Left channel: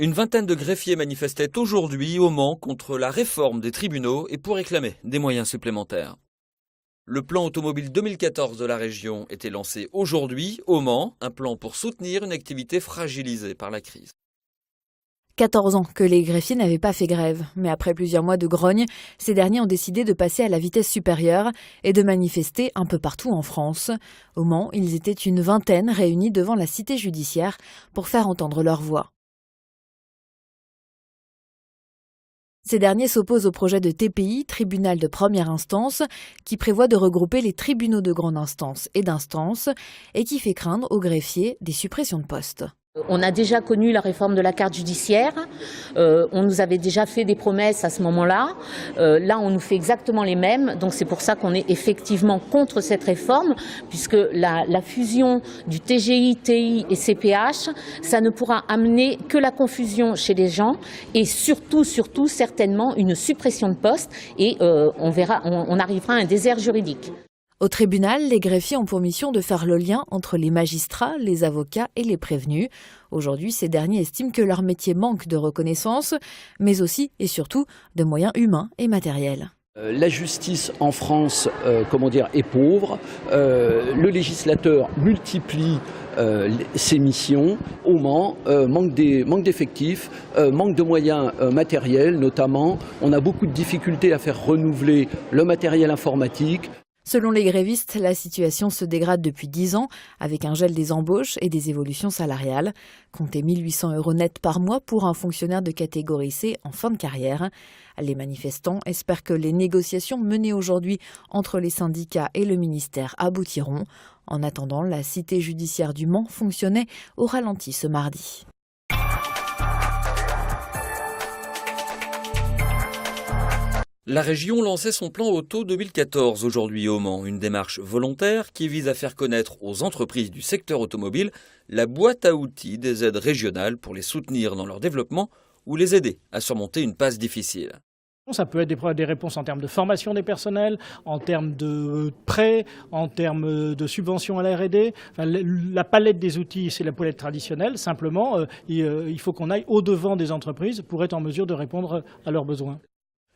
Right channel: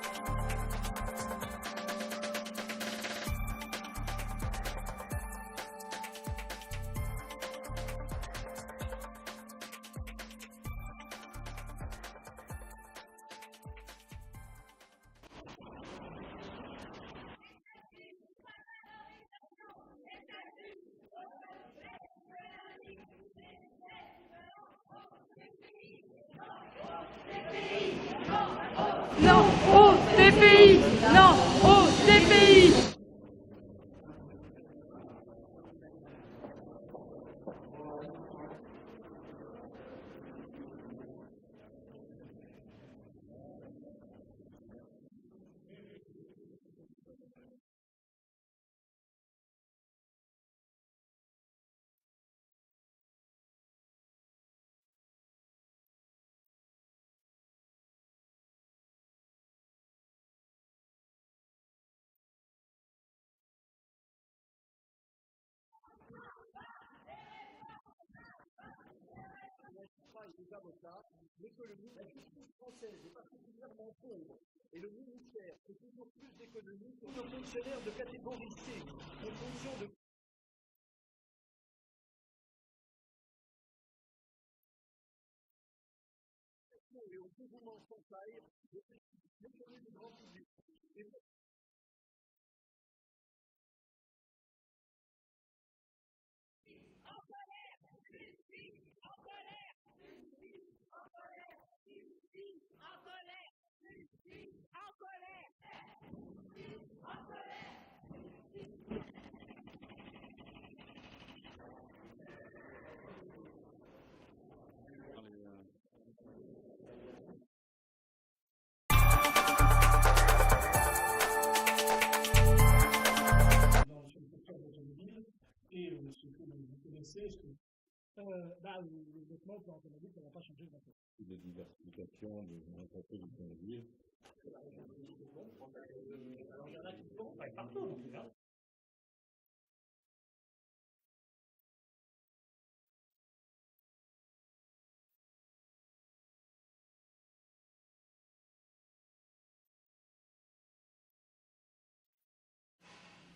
Une vingtaine de greffiers manifestaient aujourd'hui au Mans contre la réforme des tribunaux et pour réclamer des moyens supplémentaires. Le plan automobile 2014 de la région était lancé aujourd'hui au Mans, un plan pour soutenir une activité fragilisée par la crise. 14 ans que les greffiers n'avaient pas fait grève. Mais après plusieurs mois de grogne, ces derniers ont décidé de passer à la vitesse supérieure et de manifester un peu partout en France. Au Mans, ils étaient une vingtaine réunis devant la cité judiciaire pour faire entendre leur voix. Non au TPI! Non au TPI! Ces derniers s'opposent au projet de TPI, tribunal de première instance, qui prévoit de regrouper les tribunaux de grande instance et d'instance et qui fait craindre aux greffiers des suppressions de postes. On a déjà connu la réforme de la carte judiciaire, on nous avait déjà fait des promesses à ce moment-là, là on nous fait exactement les mêmes, donc c'est pour ça qu'on est effectivement contre cette réforme, puisque la fusion du TGI, TI et CPH, ça ne pourra amener que la confusion chez les gens et surtout certainement une suppression de postes et on arrivera à un désert juridique. Au tribunal, les greffiers ont pour mission de faire le lien entre les magistrats, les avocats et les prévenus. Aujourd'hui, ces derniers estiment que leur métier manque de reconnaissance, mais aussi et surtout de moyens humains et matériels. La justice en France est pauvre. Le législateur multiplie ses missions. Au Mans, manque d'effectifs, manque de moyens matériels notamment. On a beaucoup de difficultés à faire renouveler le matériel informatique. Selon les grévistes, la situation se dégrade depuis 10 ans avec un gel des embauches et des évolutions salariales. Comptez 1 800 € net par mois pour un fonctionnaire de catégorie C en fin de carrière. Les manifestants espèrent que les négociations menées aujourd'hui entre les syndicats et le ministère aboutiront. En attendant, la cité judiciaire du Mans fonctionnait au ralenti ce mardi. La région lançait son plan Auto 2014 aujourd'hui au Mans, une démarche volontaire qui vise à faire connaître aux entreprises du secteur automobile la boîte à outils des aides régionales pour les soutenir dans leur développement ou les aider à surmonter une passe difficile. Ça peut être des réponses en termes de formation des personnels, en termes de prêts, en termes de subventions à la R&D. Enfin, la palette des outils, c'est la palette traditionnelle. Simplement, il faut qu'on aille au-devant des entreprises pour être en mesure de répondre à leurs besoins.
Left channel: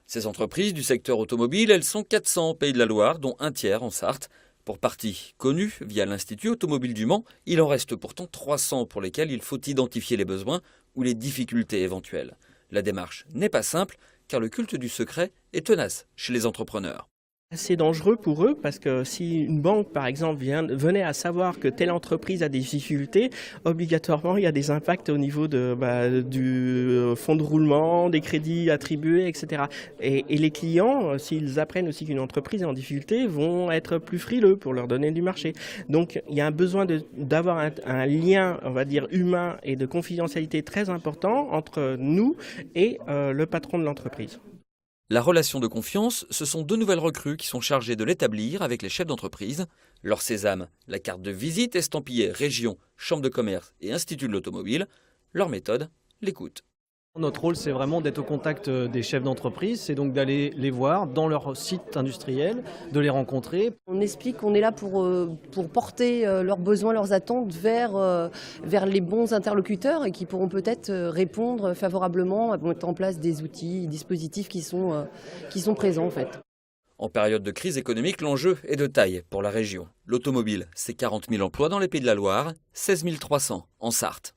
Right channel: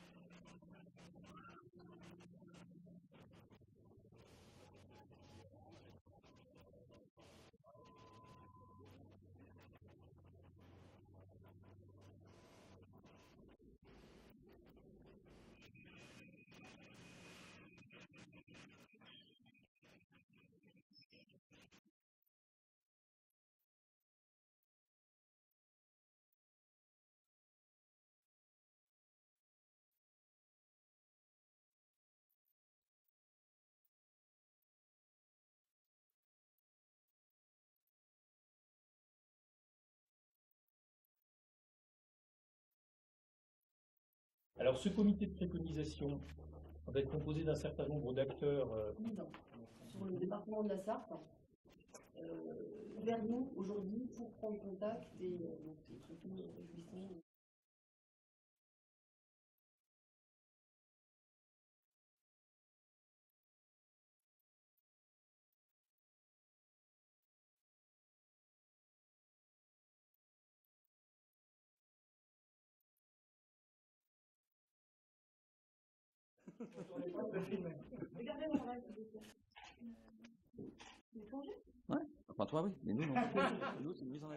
Ces entreprises du secteur automobile, elles sont 400 au Pays de la Loire, dont un tiers en Sarthe. Pour partie connue via l'Institut automobile du Mans, il en reste pourtant 300 pour lesquels il faut identifier les besoins ou les difficultés éventuelles. La démarche n'est pas simple, car le culte du secret est tenace chez les entrepreneurs. C'est dangereux pour eux parce que si une banque, par exemple, venait à savoir que telle entreprise a des difficultés, obligatoirement, il y a des impacts au niveau du fonds de roulement, des crédits attribués, etc. Et les clients, s'ils apprennent aussi qu'une entreprise est en difficulté, vont être plus frileux pour leur donner du marché. Donc, il y a un besoin d'avoir un lien, on va dire, humain et de confidentialité très important entre nous et le patron de l'entreprise. La relation de confiance, ce sont 2 nouvelles recrues qui sont chargées de l'établir avec les chefs d'entreprise. Leur sésame, la carte de visite estampillée région, chambre de commerce et institut de l'automobile. Leur méthode, l'écoute. Notre rôle, c'est vraiment d'être au contact des chefs d'entreprise, c'est donc d'aller les voir dans leur site industriel, de les rencontrer. On explique qu'on est là pour porter leurs besoins, leurs attentes vers les bons interlocuteurs et qui pourront peut-être répondre favorablement, mettre en place des outils, des dispositifs qui sont présents en fait. En période de crise économique, l'enjeu est de taille pour la région. L'automobile, c'est 40 000 emplois dans les Pays de la Loire, 16 300 en Sarthe.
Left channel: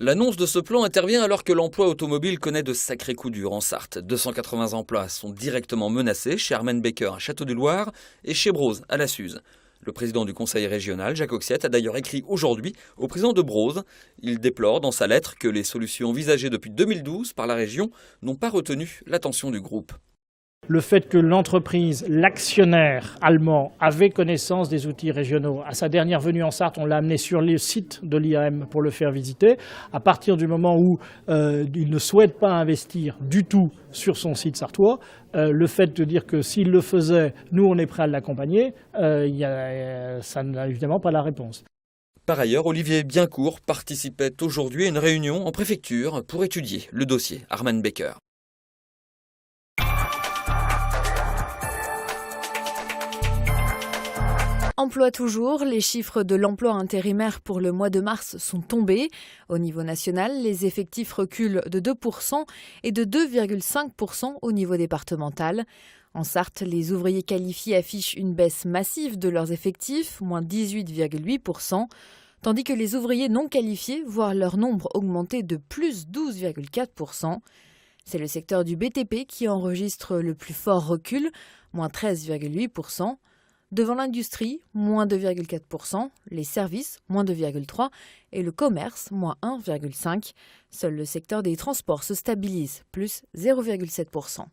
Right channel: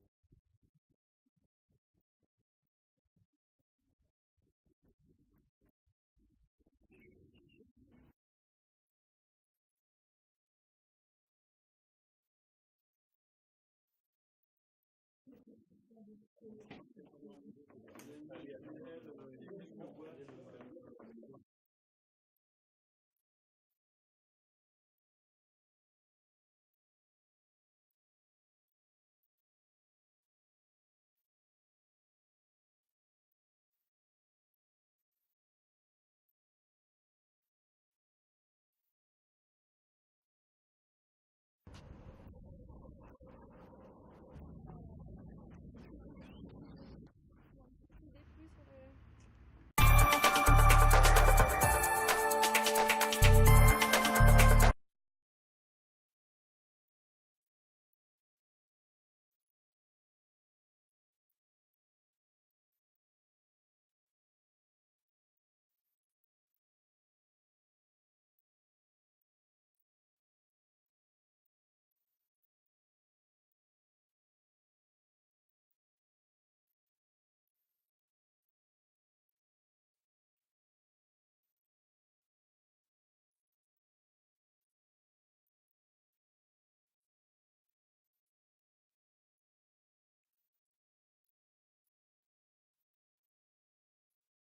L'annonce de ce plan intervient alors que l'emploi automobile connaît de sacrés coups durs en Sarthe. 280 emplois sont directement menacés chez Hermann Becker à Château-du-Loir et chez Broz à la Suze. Le président du conseil régional, Jacques Oxiette, a d'ailleurs écrit aujourd'hui au président de Broz. Il déplore dans sa lettre que les solutions envisagées depuis 2012 par la région n'ont pas retenu l'attention du groupe. Le fait que l'entreprise, l'actionnaire allemand, avait connaissance des outils régionaux. À sa dernière venue en Sarthe, on l'a amené sur le site de l'IAM pour le faire visiter. À partir du moment où il ne souhaite pas investir du tout sur son site sartois, le fait de dire que s'il le faisait, nous on est prêt à l'accompagner, ça n'a évidemment pas la réponse. Par ailleurs, Olivier Biencourt participait aujourd'hui à une réunion en préfecture pour étudier le dossier Hermann Becker. Emploi toujours, les chiffres de l'emploi intérimaire pour le mois de mars sont tombés. Au niveau national, les effectifs reculent de 2% et de 2,5% au niveau départemental. En Sarthe, les ouvriers qualifiés affichent une baisse massive de leurs effectifs, moins 18,8%, tandis que les ouvriers non qualifiés voient leur nombre augmenter de plus 12,4%. C'est le secteur du BTP qui enregistre le plus fort recul, moins 13,8%. Devant l'industrie, moins 2,4%, les services, moins 2,3% et le commerce, moins 1,5%. Seul le secteur des transports se stabilise, plus 0,7%.